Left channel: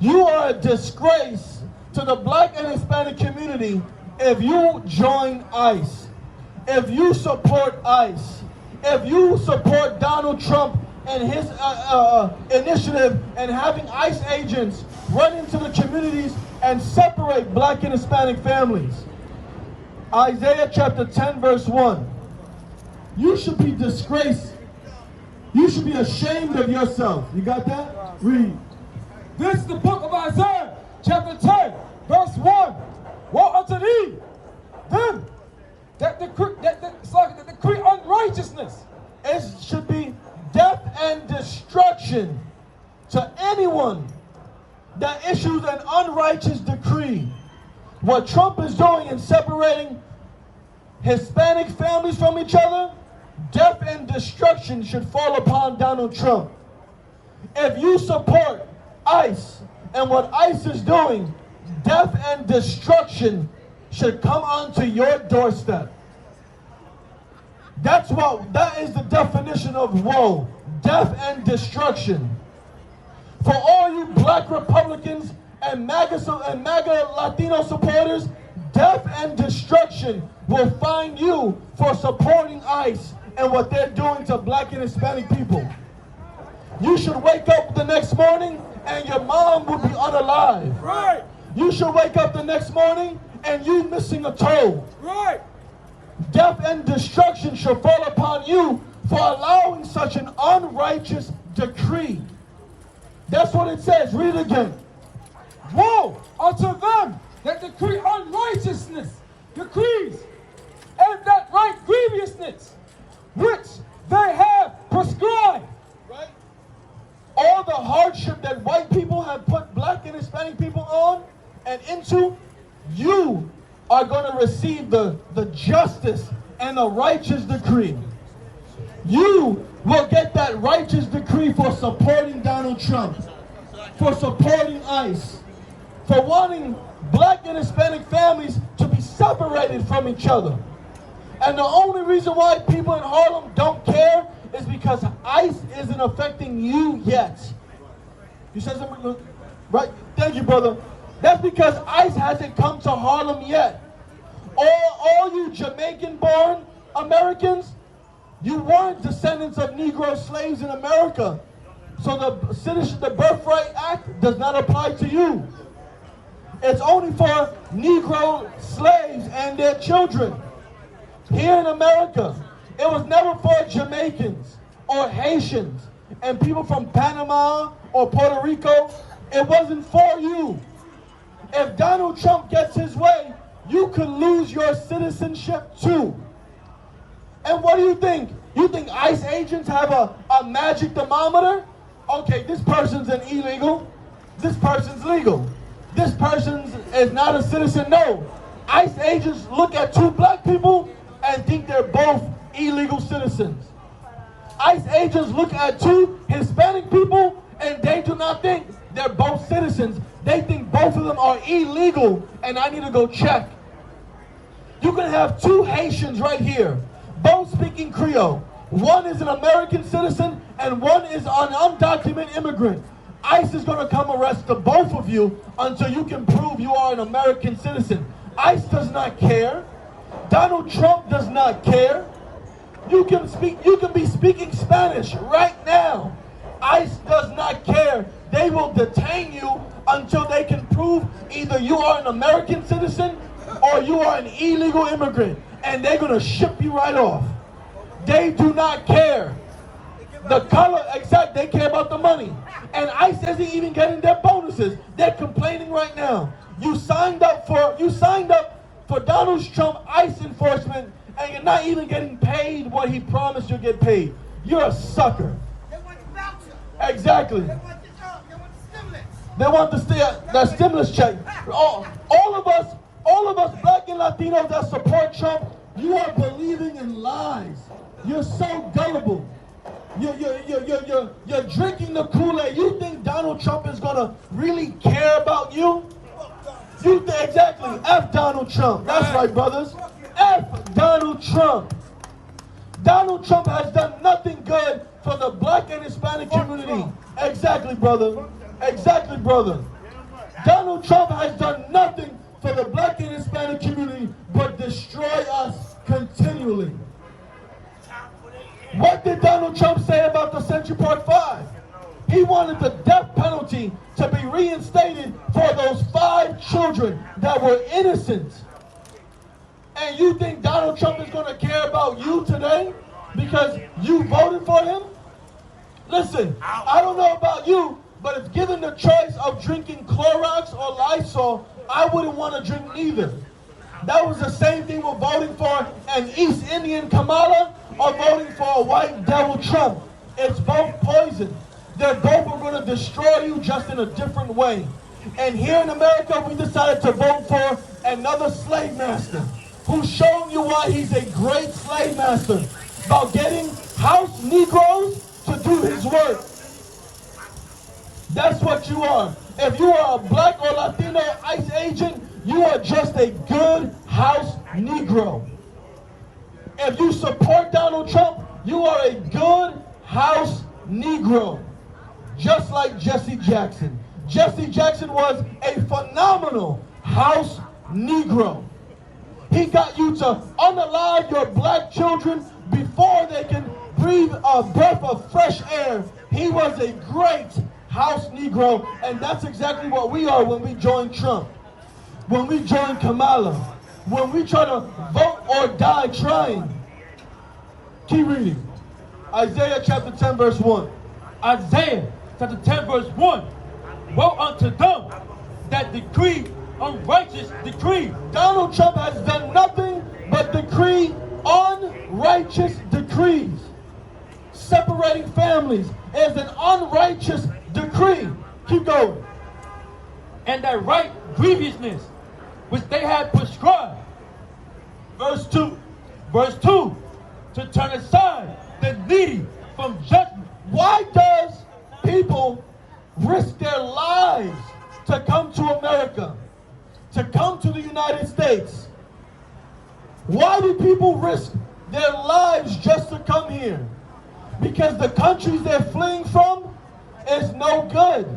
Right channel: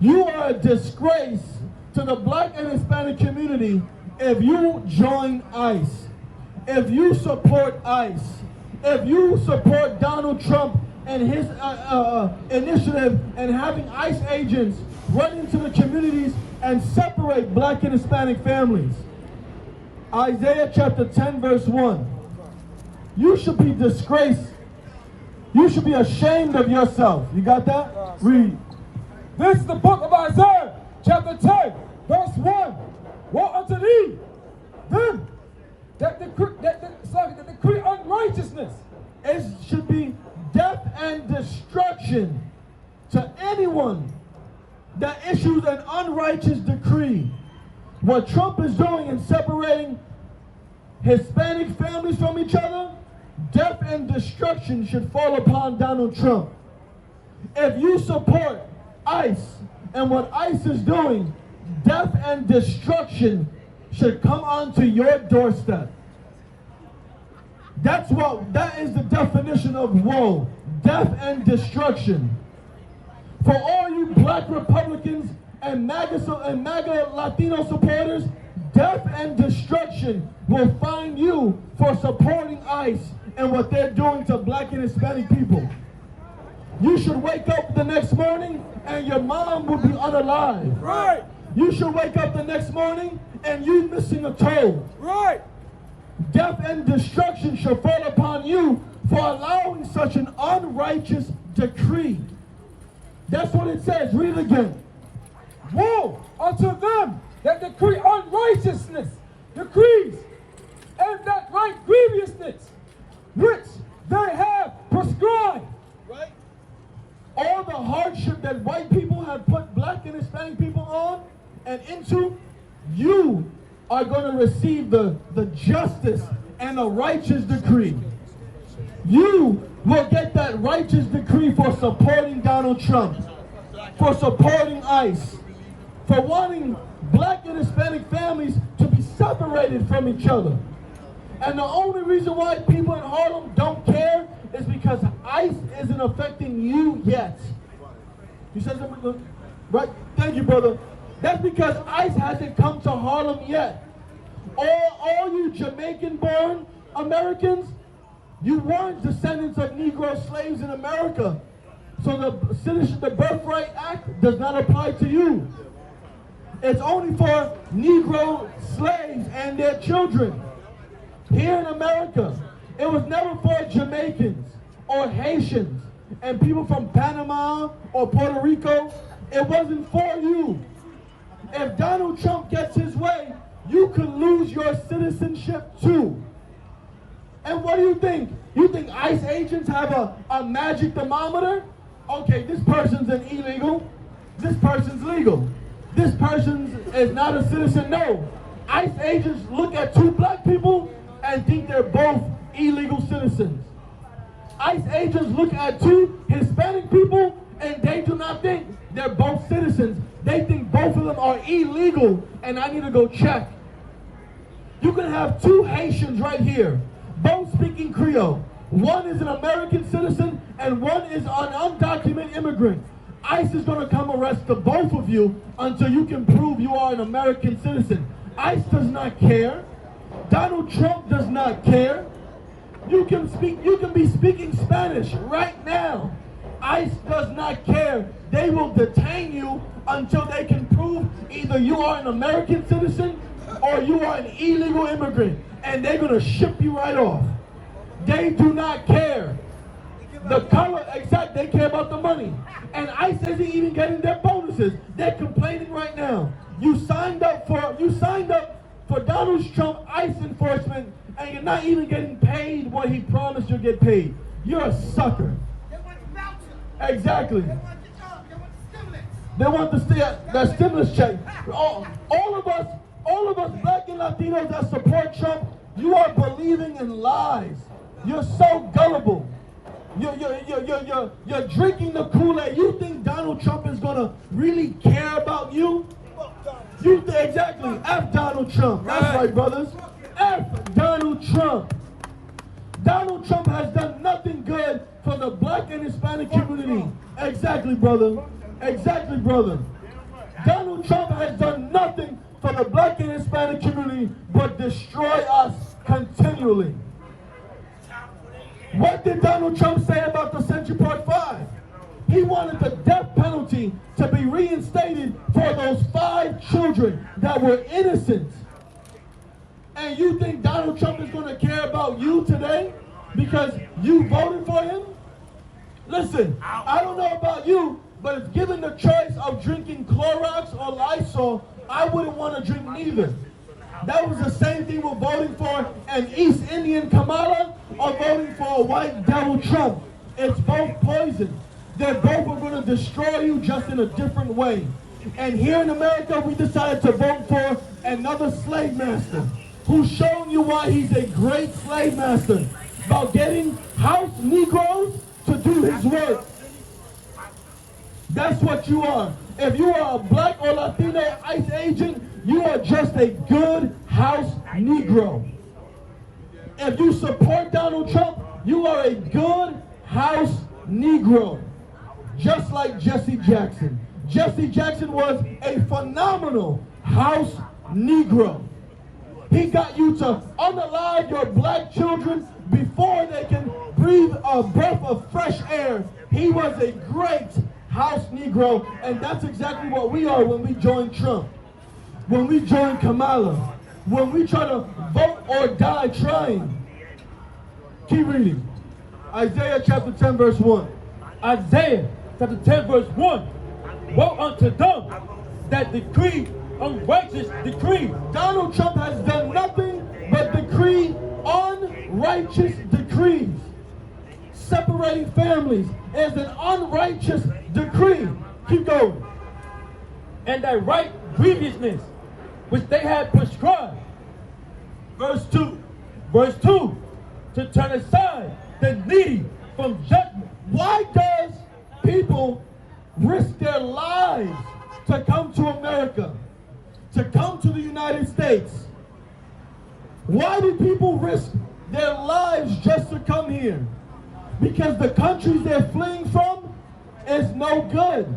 You are a disgrace to the black and Hispanic community if you join ICE, if you support ICE, if you support Donald Trump and his initiative and having ICE agents run into the communities and separate black and Hispanic families. Isaiah chapter 10 verse 1. You should be disgraced. You should be ashamed of yourself. You got that? Read. This is the book of Isaiah, chapter 10, verse 1. Woe unto thee, them that decree unrighteousness. It should be death and destruction to anyone that issues an unrighteous decree. What Trump is doing in separating Hispanic families from each other, death and destruction should fall upon Donald Trump. If you support ICE and what ICE is doing, death and destruction should come onto your doorstep. That is the definition of woe, death and destruction. For all you black Republicans and MAGA Latino supporters, death and destruction will find you for supporting ICE and what they're doing to black and Hispanic people. You should wake up the next morning and your mom would be unalive. Right. You should wake up the next morning and you missing a toe. Right. Death and destruction should fall upon you for allowing such an unrighteous decree. That's what it says. Read it again. Woe unto them that decree unrighteousness, decrees, and that write grievousness, which they have prescribed. Right? All the hardship that white people have put black and Hispanic people on and into, you are going to receive the justice and a righteous decree. You will get that righteous decree for supporting Donald Trump, for supporting ICE, for wanting black and Hispanic families to be separated from each other. And the only reason why people in Harlem don't care is because ICE isn't affecting you yet. You said something, right? Thank you, brother. That's because ICE hasn't come to Harlem yet. All you Jamaican-born Americans, you weren't descendants of Negro slaves in America. So the Birthright Act does not apply to you. It's only for Negro slaves and their children. Here in America, it was never for Jamaicans or Haitians and people from Panama or Puerto Rico. It wasn't for you. If Donald Trump gets his way, you could lose your citizenship too. And what do you think? You think ICE agents have a magic thermometer? Okay, this person's an illegal. This person's legal. This person is not a citizen. No. ICE agents look at two black people and think they're both illegal citizens. ICE agents look at two Hispanic people and they do not think they're both citizens. They think both of them are illegal and I need to go check. You can have two Haitians right here, both speaking Creole. One is an American citizen and one is an undocumented immigrant. ICE is going to come arrest the both of you until you can prove you are an American citizen. ICE does not care. Donald Trump does not care. You can be speaking Spanish right now. ICE does not care. They will detain you until they can prove either you are an American citizen or you are an illegal immigrant, and they're going to ship you right off. They do not care. The color, except they care about the money. And ICE isn't even getting their bonuses. They're complaining right now. You signed up for Donald Trump ICE enforcement, and you're not even getting paid what he promised you'll get paid. You're a sucker. Exactly. They want the stimulus check. All of us black and Latinos that support Trump, you are believing in lies. You're so gullible. You're drinking the Kool-Aid. You think Donald Trump is gonna really care about you? Exactly. F Donald Trump. That's right, brothers. F Donald Trump. Donald Trump has done nothing good for the black and Hispanic community. Exactly, brother. Exactly, brother. Donald Trump has done nothing for the black and Hispanic community but destroy us continually. What did Donald Trump say about the Central Park 5? He wanted the death penalty to be reinstated for those 5 children that were innocent. And you think Donald Trump is going to care about you today because you voted for him? Listen, I don't know about you, but if given the choice of drinking Clorox or Lysol, I wouldn't want to drink neither. That was the same thing with voting for an East Indian Kamala or voting for a white devil Trump. It's both poison. They're both are going to destroy you just in a different way. And here in America, we decided to vote for another slave master who's showing you why he's a great slave master, about getting house Negroes to do his work. That's what you are. If you are a black or Latino ICE agent, you are just a good house Negro. If you support Donald Trump, you are a good house Negro. Just like Jesse Jackson. Jesse Jackson was a phenomenal house Negro. He got you to unalive your black children before they can breathe a breath of fresh air. He was a great house Negro, and that's exactly what we are when we join Trump. When we join Kamala. When we try to vote or die trying. Keep reading. Isaiah chapter 10 verse 1. Isaiah chapter 10 verse 1. Woe unto them that decree unrighteous decrees. Donald Trump has done nothing but decree unrighteous decrees. Separating families is an unrighteous decree. Keep going. And that right grievousness which they had prescribed. Verse 2. Verse 2. To turn aside the needy from judgment. Why does people risk their lives to come to America, to come to the United States? Why do people risk their lives just to come here? Because the countries they're fleeing from is no good.